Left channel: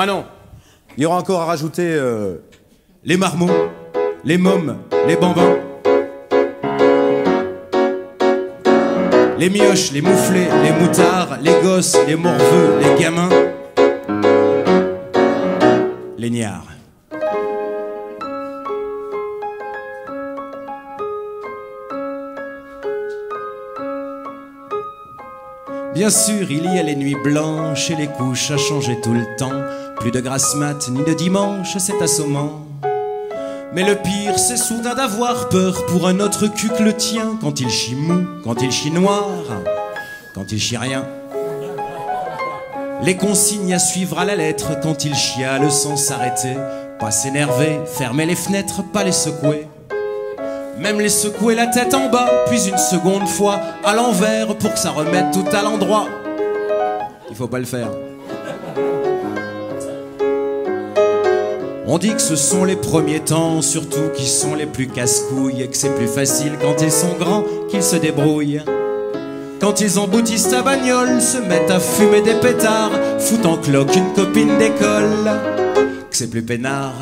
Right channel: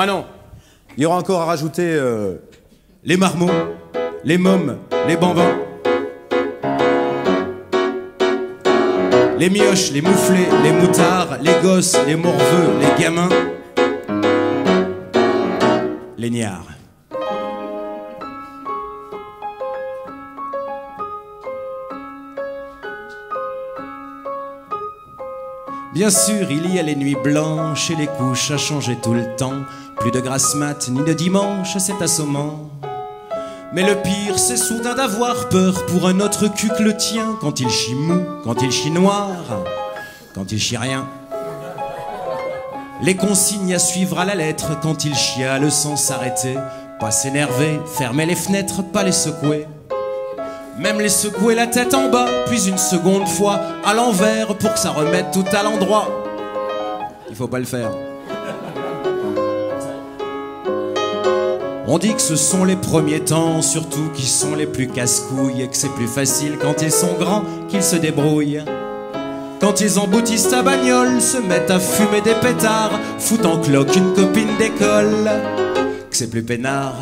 Ah non, il y aura encore à rajouter les marmots, les mômes, les bambins, les mioches, les mouflets, les moutards, les gosses, les morveux, les gamins, les niards. Bien sûr, il y a les nuits blanches et les couches à changer tout le temps. Plus de grasse mat ni de dimanche, c'est assommant. Mais le pire, c'est soudain d'avoir peur pour un autre cul que le tien. Quand il chie mou, quand il chie noir, quand il chie rien. Les consignes à suivre à la lettre quand il chiale sans s'arrêter. Pas s'énerver, fermer les fenêtres, pas les secouer. Même les secouer la tête en bas, puis une seconde fois à l'envers pour que ça remette tout à l'endroit. Il faut pas le faire. On dit que ce sont les premiers temps, surtout qui sont les plus casse-couilles, et que c'est plus facile quand ils sont grands qu'ils se débrouillent. Quand ils emboutissent ta bagnole, se mettent à fumer des pétards, foutent en cloque une copine d'école, que c'est plus peinard.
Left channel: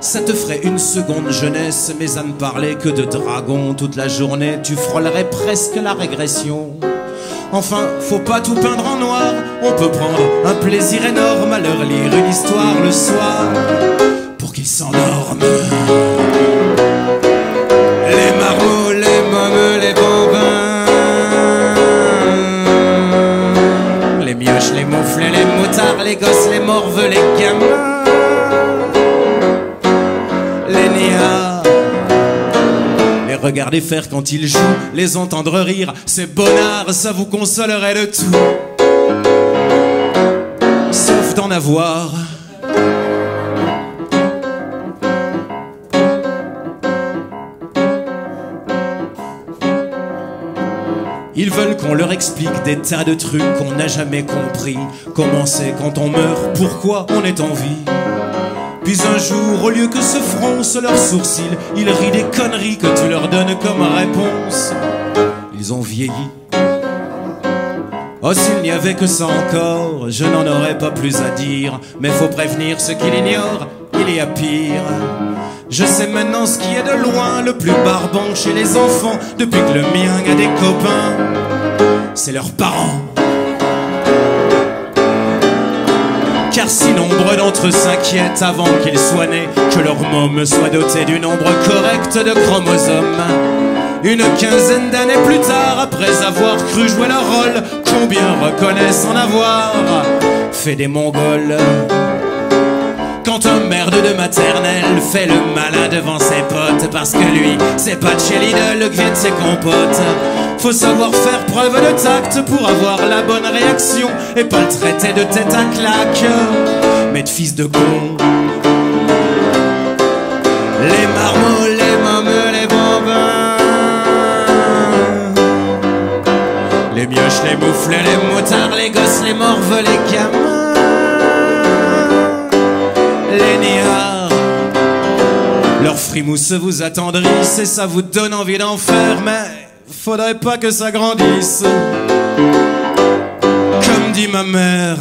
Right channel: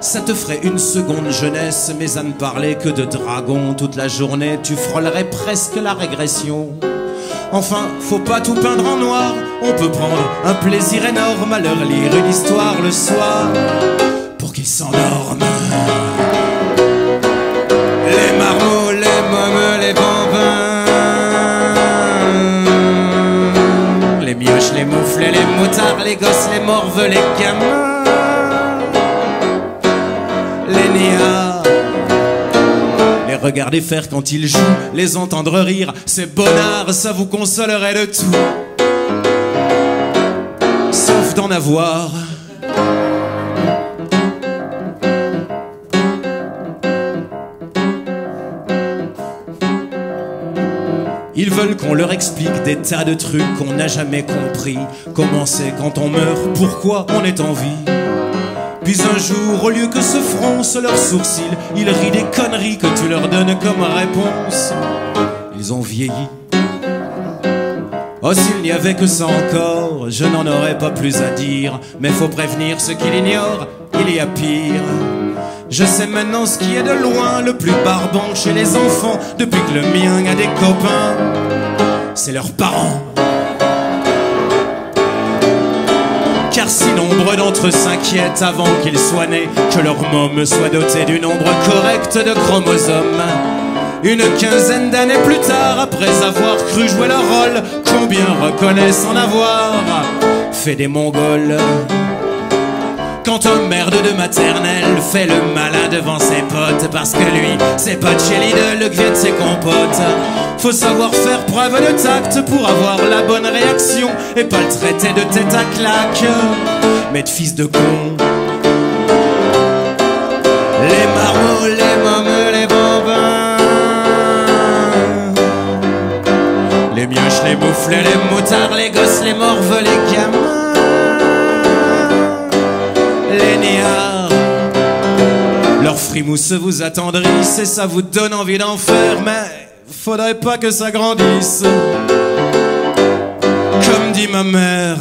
Ça te ferait une seconde jeunesse, mais à ne parler que de dragon toute la journée, tu frôlerais presque la régression. Enfin, faut pas tout peindre en noir, on peut prendre un plaisir énorme à leur lire une histoire le soir, pour qu'ils s'endorment. Les marmots, les mômes, les bambins, les mioches, les mouflets, les moutards, les gosses, les morveux, les gamins, les niards, les regarder faire quand ils jouent, les entendre rire, c'est bonnard, ça vous consolerait de tout, sauf d'en avoir. Ils veulent qu'on leur explique des tas de trucs qu'on n'a jamais compris. Comment c'est quand on meurt, pourquoi on est en vie. Puis un jour, au lieu que se froncent leurs sourcils, ils rient des conneries que tu leur donnes comme réponse. Ils ont vieilli. Oh, s'il n'y avait que ça encore, je n'en aurais pas plus à dire. Mais faut prévenir ceux qui l'ignorent, il y a pire. Je sais maintenant ce qui est de loin le plus barbant chez les enfants, depuis que le mien a des copains, c'est leurs parents. Car si nombre d'entre eux s'inquiètent avant qu'ils soient nés, que leur môme soit doté du nombre correct de chromosomes. Une quinzaine d'années plus tard, après avoir cru jouer leur rôle, combien reconnaissent en avoir fait des Mongols. Quand un merde de maternelle fait le malin devant ses potes, parce que lui, c'est pas de chez Lidl que viennent ses compotes. Faut savoir faire preuve de tact pour avoir la bonne réaction, et pas le traiter de tête à claque, mais de fils de con. Les marmots, les mômes, les bambins, les mioches, les mouflets, les moutards, les gosses, les morveux, les gamins, les niards, leurs frimousse vous attendrissent et ça vous donne envie d'en faire, mais faudrait pas que ça grandisse. Comme dit ma mère,